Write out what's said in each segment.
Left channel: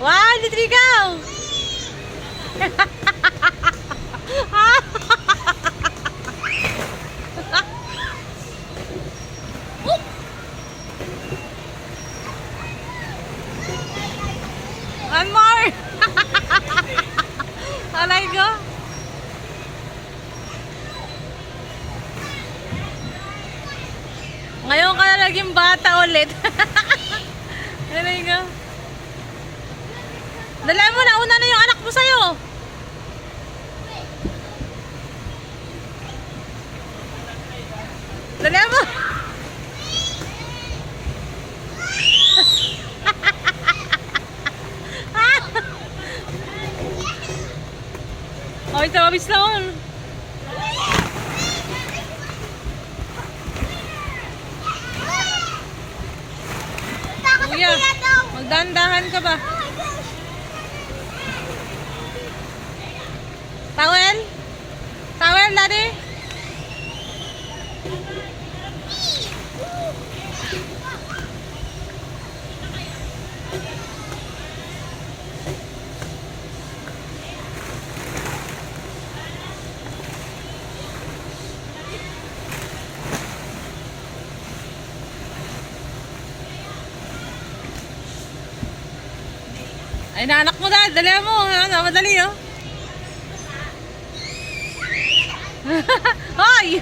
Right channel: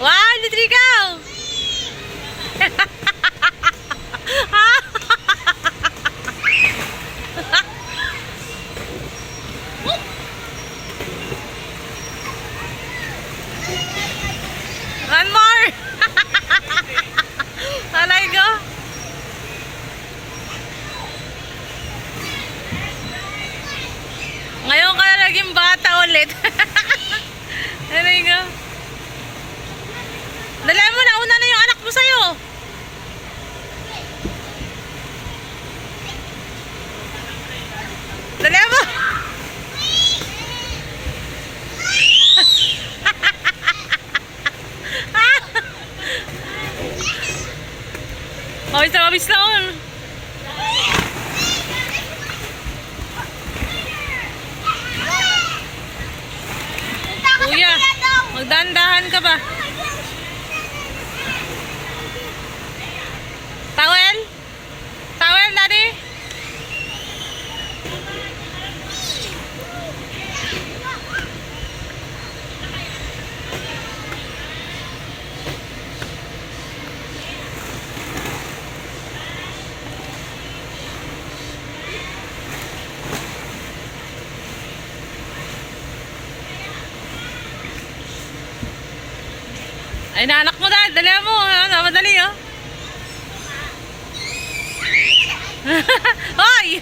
Wow, dito ikaw! One more! Alay ko! Ngayon ka na naging bata ulit. Alay ko! Dala mo, nauna na yung anak mo sa'yo. Dala mo. Mabis na mabis na on. Kuya, magdandahan ka ba? Towel? Towel, Daddy? Ay, naanak mo, Dad. Dali mo. Madali, oh. Hoy!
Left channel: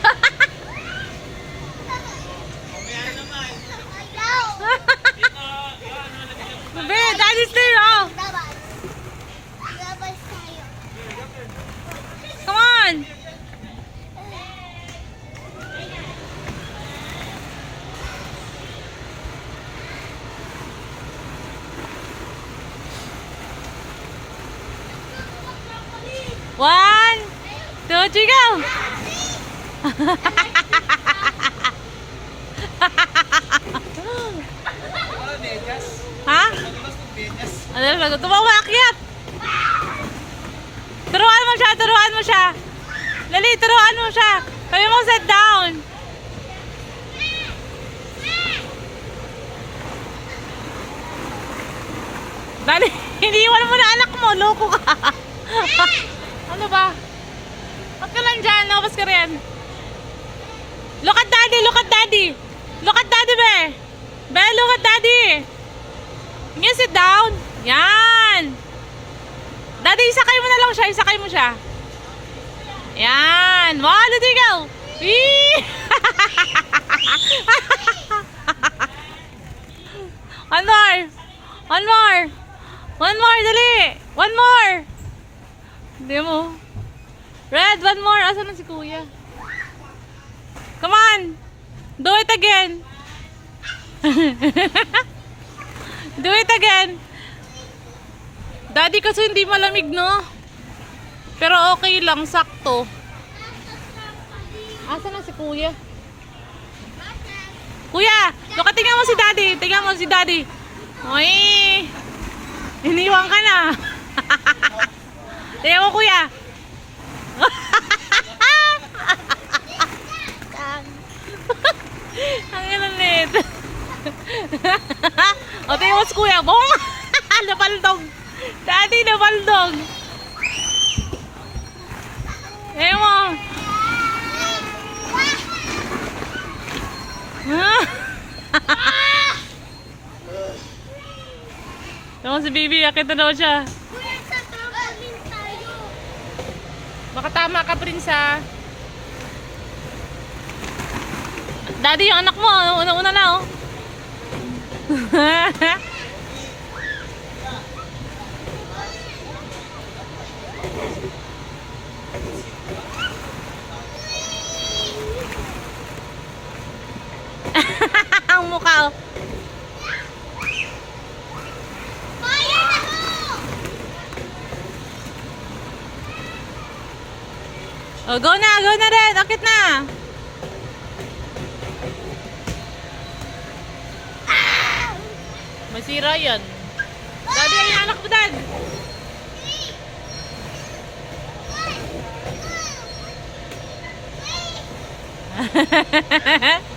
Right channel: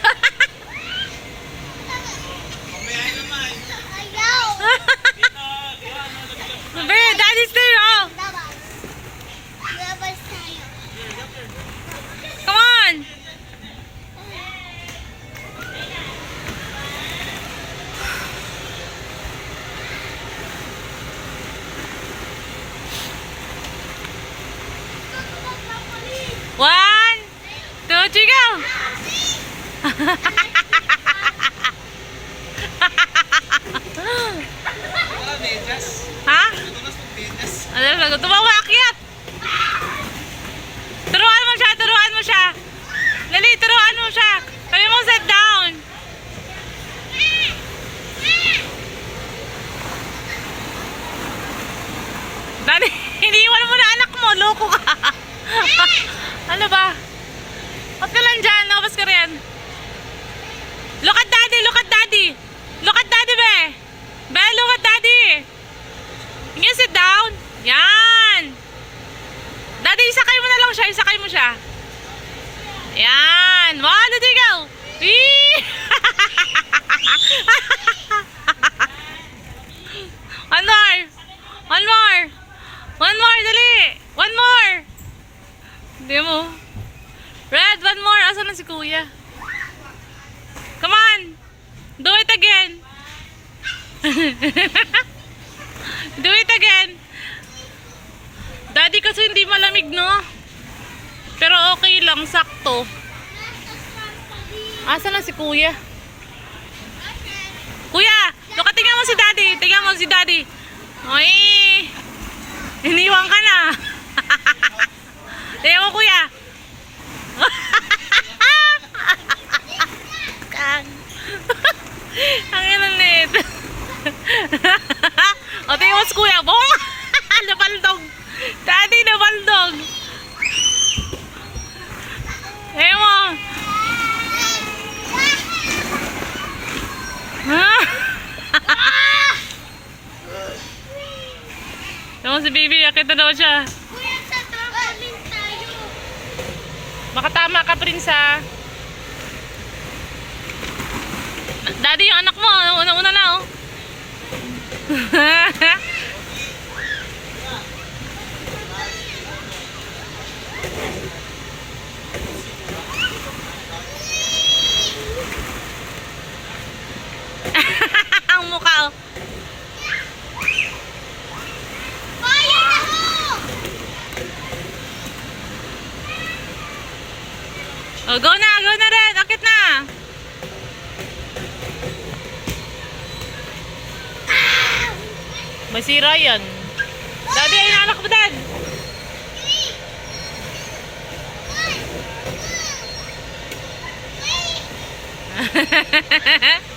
Be, Daddy's there, oh. Come on. One, two, three, go! Ha? Ano? Tumawa, akyat! Turuan mo siya, turuan mo siya! Lali, turuan mo siya! Sabi mo, sit down! Dali, iniiwan mo na anak mo, loko ka! Ano ba? Ba't ka lang dyan? Nakabas ka rin. Look at daddy, look at daddy. Look at daddy, be. Be, look at daddy. You sit down. Yan. Daddy, isakay mo na lang siya. Isakay mo siya. Yan. One, two, three, go. One more. One more. One more, dali. One more. Hindi mo. Red, one more. Asan na si Kuya? Come on. Do it again. Do it again. Daddy kasi hindi malamig, no? Pero okay lang. Sakto. Asan na si Kuya? Kuya, tingnan mo si Daddy. Tingnan mo si Daddy. Ay, iniwan ka na. Tingnan mo, Kuya. Kang. Ang ilang nito. O, tingnan mo si Kuya. Bong! Nabaldog. Daddy, nabaldog. Tingnan mo. Tingnan mo si Bibi. Akit na daw siya. Makatama ka, Prinsa. Daddy, yung anak mo. Una-una na, oh. Ang mukha, oh. Oh, go na rin. Akit na. May sira yan. Daddy, ayun anak mo, Dad. Hahaha.